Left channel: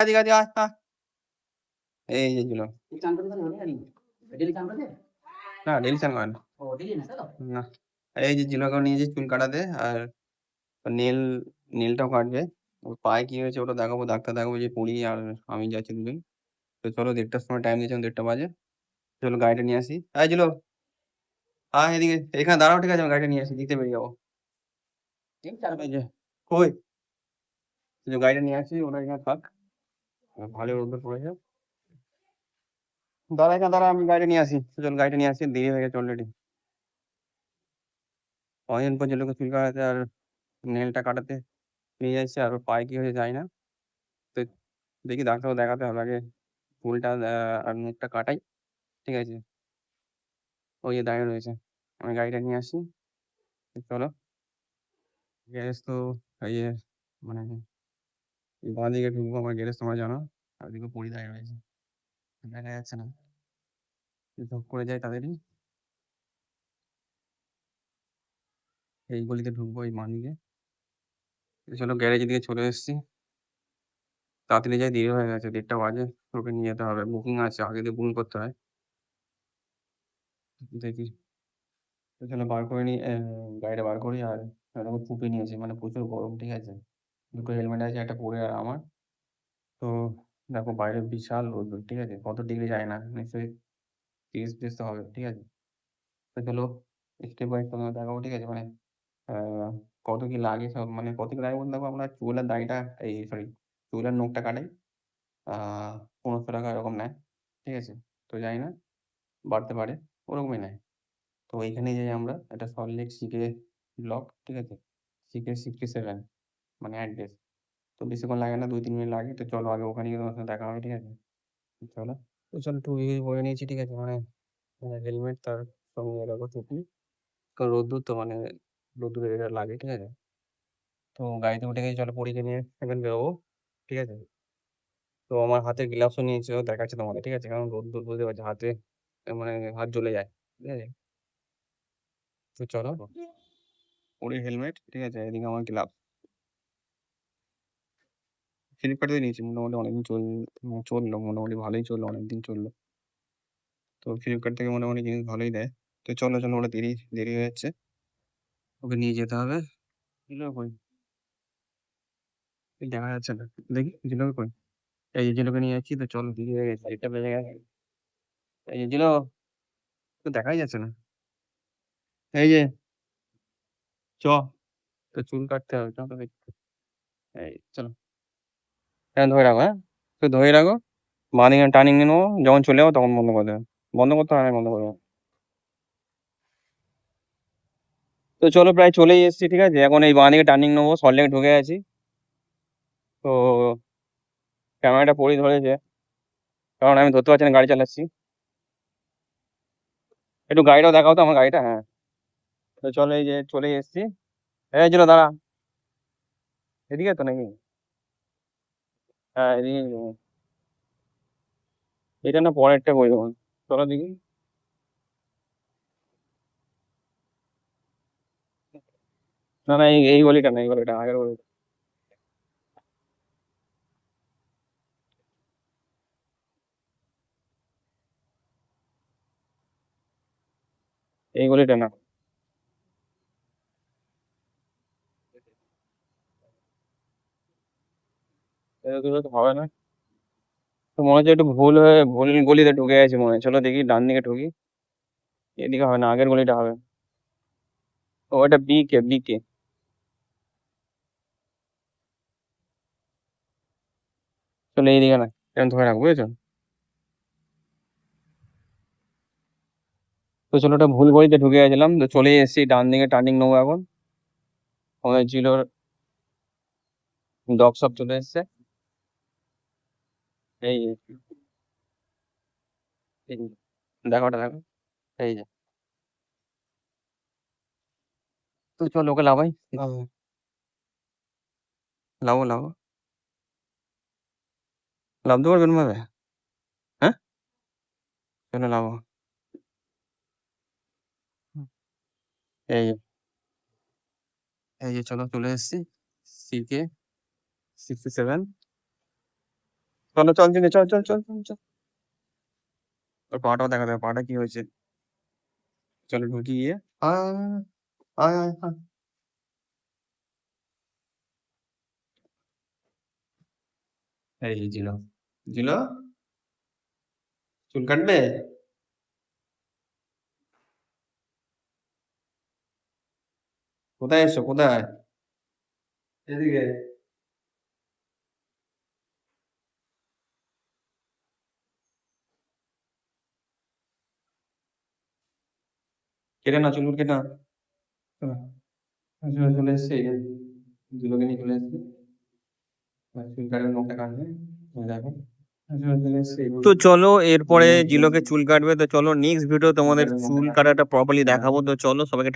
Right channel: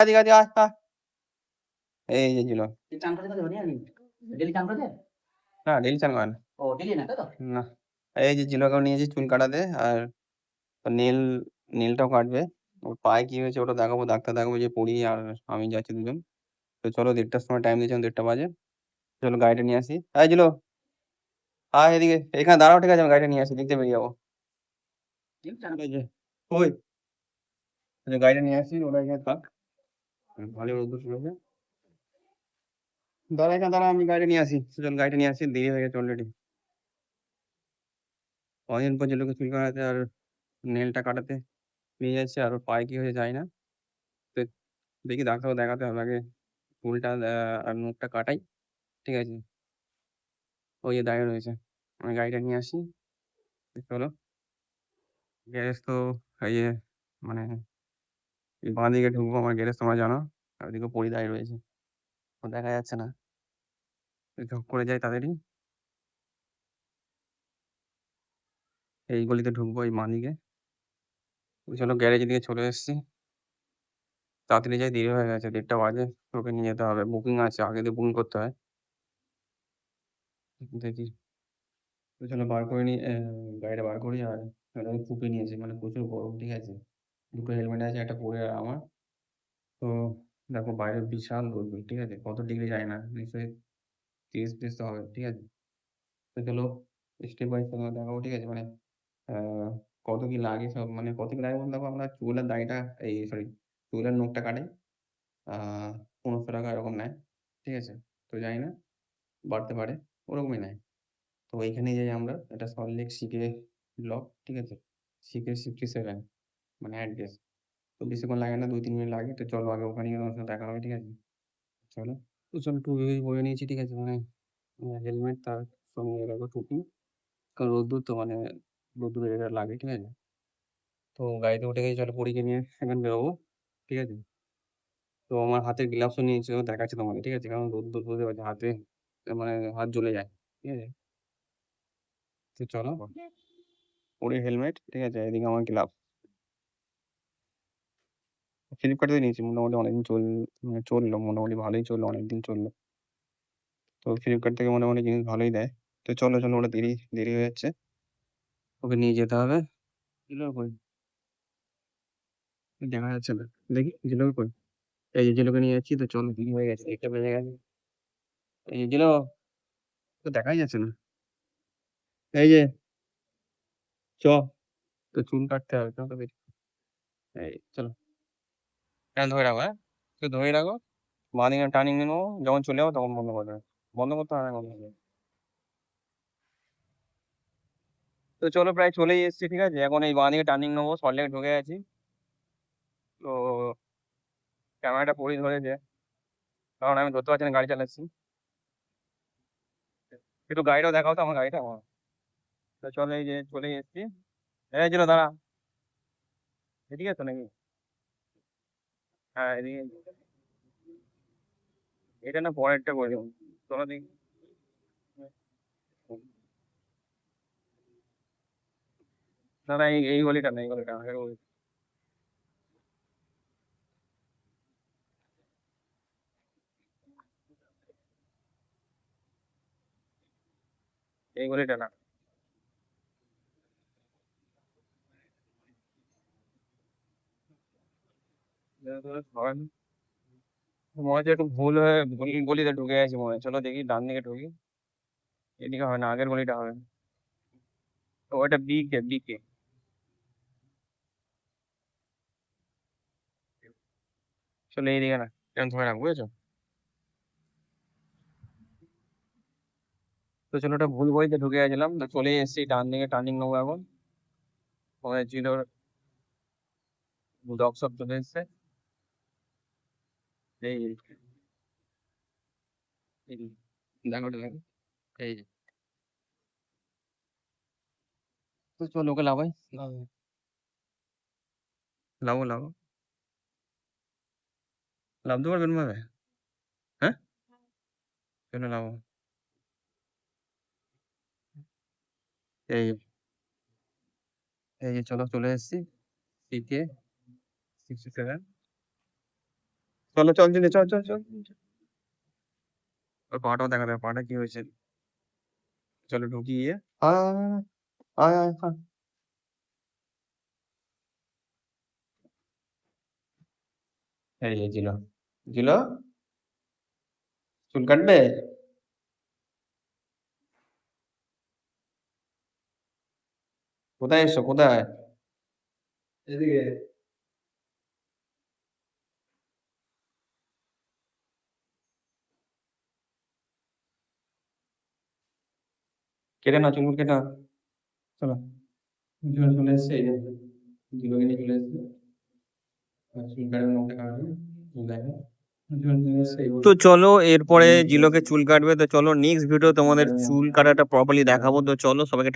এদিকে এদিকে আয়, আয়। এই যে ছিল চান করতে পারবে না ডেলি চান করতে না ডেলি চান করে না। ও ডেলি না তো না এই যে জিলোকেও নিয়েছি চুল কাটাতে আর নেল নেলটাও কাটবে। ওর পায়ে কি হয়েছে ওটা দেখাবো, ডাক্তার দেখাবো যে পড়ি আর আমি যাচ্ছি দুজন। তো চলো 1:30টার সময় টাইম দিয়েছিলাম, 1:30টা বাজে। চলো গাড়িটা নিয়ে আসি। এই জিলো আয় এদিকে, এখানে দাঁড়াও, ঠিক আছে আমি গাড়িটা নিয়ে আসি, দেখতে বেরিয়ে যাবো। এই যে কই যে গাড়িটা নিয়ে আসি, ওটা এখানে থাক, ভালো রোদ্দুর পড়েছে। দাঁড়া এখানে দাঁড়া, আমি গাড়িটা নিয়ে আসি। চল গাড়িটা নিয়ে আসি, দেরি হয়ে গেছে অলরেডি। অনেকদিন পর জিলোকে চুল কাটাতে আর নেলটা কাটাতে নিয়ে যাচ্ছে, আর ওর পায়ে কি হয়েছে জানি না। তো দেখি ডাক্তারও দেখাতে হবে আগে, চুলটা আর মুখটা কাটাই, ঠিক আছে। ওই যে দাঁড়িয়ে রয়েছে, আমি গাড়িটা নিয়ে আসি। তো চলো গ্যারেজ তো এই যে মানে বাঁ দিকে ঢুকবো, আমার গ্যারেজ তোমরা জানো, আর ওদিকে পরি দাঁড়িয়ে রয়েছে, ও দেখা যাচ্ছে না। ঝোঁক করে যাই তাদেরই, এই গলিতে ঢুকবো এই বাঁ দিকে। চলো গ্যারেজের দিকে চলে এসেছি, তাড়াতাড়ি যাই, দেরি হয়ে গেছে, 1:30টা বাজে। ওকে নিয়ে যেতে হবে, বুকিং আছে, আগে দিয়ে বুকিং করতে হয়। দেখি, তো চলো বার করে নিই, গাড়িটা বার করি। আর এরকম ফুপে নিয়েছি, মানে প্রচুর গরম, ঠিক আছে। দুটো হেলমেট আছে, একটা পরে আর আমার। তো দেখো বাইরে বিশাল রোদ্দুর, ঠিক আছে, কত ডিগ্রি যায় না, নিশ্চয়ই 30-30 তো হবে, ঠিক আছে। তো চলো স্টেপ বাই তোমাকে দেখাবো, ঠিক আছে। মানে কত কি লাগে সব, মানে কত কি লাগে বলতে দেখো, আমরা চুলের দাড়িটা এই সরি চুলের নখটা কাটাই 1500 টাকা এরকম নেয়, ঠিক আছে। তো জানি না বাড়তে পারে, ওরকমই নেয়। তো এইখানে যাই আমরা, এটা সল্টলেক সিকে ব্লক, ঠিক আছে, সিকে 67 মানে অ্যাড্রেস। তো বেশিক্ষণ লাগে না, 2-3 মিনিট লাগে। তো চলো আগে ওখানে গিয়ে তোমার সাথে দেখা হবে, ঠিক আছে। চলো, তো চলো টুপি পরে নিয়েছি, ঠিক আছে, মানে হেলমেট তার সঙ্গে দেখো টুপি, কারণ রোদ্দুর তো মানে রোদ্দুরে এটা লাগে, ঠিক আছে। তো গাড়িতে উঠে গেছি, চলো পরীকে নিয়ে এখন বেরোবো, ঠিক আছে। তো আমার হাতের গ্লাভসও নিয়েছি, ও দেখাচ্ছি তোমাকে, ঠিক আছে, কারণ রোদ্দুর বুঝতে পারছি হাতে, মানে হাত জ্বলে যায়, ঠিক আছে। তো চলো পরি হেলমেট, ঠিক আছে, এদিকে আমার গ্লাভ। ফ্লিপকার্ট থেকে নিয়েছি, মোটামুটি অনেকদিন চললো, মোটামুটি ভালোই চললো, অনেকদিন চললো। তো ফ্লিপকার্ট থেকে মোটামুটি জিনিস ভালোই দেয়। তো চলো চলো, ওটা দেরি দেরি হয়ে যাচ্ছে, ওকে নিয়ে যেতে হবে। জিলো কই, দেখা যাচ্ছে না, দেখি জিলোকে কই। এই যে জিলোকে নিয়ে যাচ্ছি, তো চলো দেরি হয়ে গেছে, 1:00টা বেজে গেছে। এই যে জিলো, তো দেখাই যাচ্ছে না। এই যে চ, তো চুল কাটতে হবে, চলো দেখি। এই চলো, হ্যাঁ ধরে রাখো, হ্যাঁ তো ধরে রাখো, বাঁ দিকে টার্নিং নিয়ে নেবো, যখন চলে যাবো তখন বন্ধ করে দেবে, বন্ধ করতে হয় না, বন্ধ করে দেবো। তো চলো প্রায় চলেই এসেছি, ঠিক আছে, এখন এই বাঁ দিকে টার্নিং নেবো, সল্টলেক ঢুকে গেছি। তো ক্যামেরাটা পরি ধরেছে, কারণ আমি ধরতে পারছি না, গাড়ি চালাচ্ছি। একটু গাড়িটাও দেখাও তো, আমার গাড়িটা, হ্যাঁ। তো চলো এই যে চলে এসেছি। এই চলো দাঁড়া, এদিকে তো নাকি, হ্যাঁ এদিকে। এটা না পরেরটা করে দেবো, চলো দেখি। না না, এই গলিটা না, এই গলিটা আগের গলিটা, এই গলিটা না। এত দূরে তো হবে না, তো মনে হচ্ছে একটু ভুল গলিতে ঢুকে গেছি মনে হয়। চলো দেখি ডান দিকে ঢুকি, এদিকে হবে না, আগের গলিটা হবে। ও এটা বিকে বিকে, চলো এইদিকে না, এরকম ধরে রাখবো, বুঝেছো। তো চলো ওটা ভুল গলিতে ঢুকে গেছিলাম, তো চলে এসেছি, ডান দিকে টার্নিং নেবো এখন। আমাদের জিলোর ডগ সব চলে এসছে, এই যে, এই যে, দেখো ওটা দেখো, এই যে। তো চলো ওকে লাভাই, লাভ লাভো লাভো, লাভতে পারবেন ভাবে, হ্যাঁ চলো লাভো। এই যে, এই যে চলো চলে এসেছি, সিকে 67। চলো চল চল চল চল চল চল চল। ওর পাটাও দেখা দেবে, পাটা কি হয়েছে। চলো ঢুকি গিয়ে। আয় আয় আয় আয়। এই যে জিলো, জিলো চুল কাটবে? কোথায় এসছো, কোথায়? এদিকে। কেটে নাও, চুলগুলো কেটে নাও। চলো চলে চলে এসছে, এই যে জিলোকে নিয়ে চলে এসছে। চুল কাটবে, নখটা কাটবে, এই দেখো। চলে এসছে, তো চলো এরপরে জিলোকে চুল কাটবে, তো চলো নেক্সট ভিডিও তোমাদের চুল কাটাটা প্রপারলি দেখাবো। তো চলো সবাইকে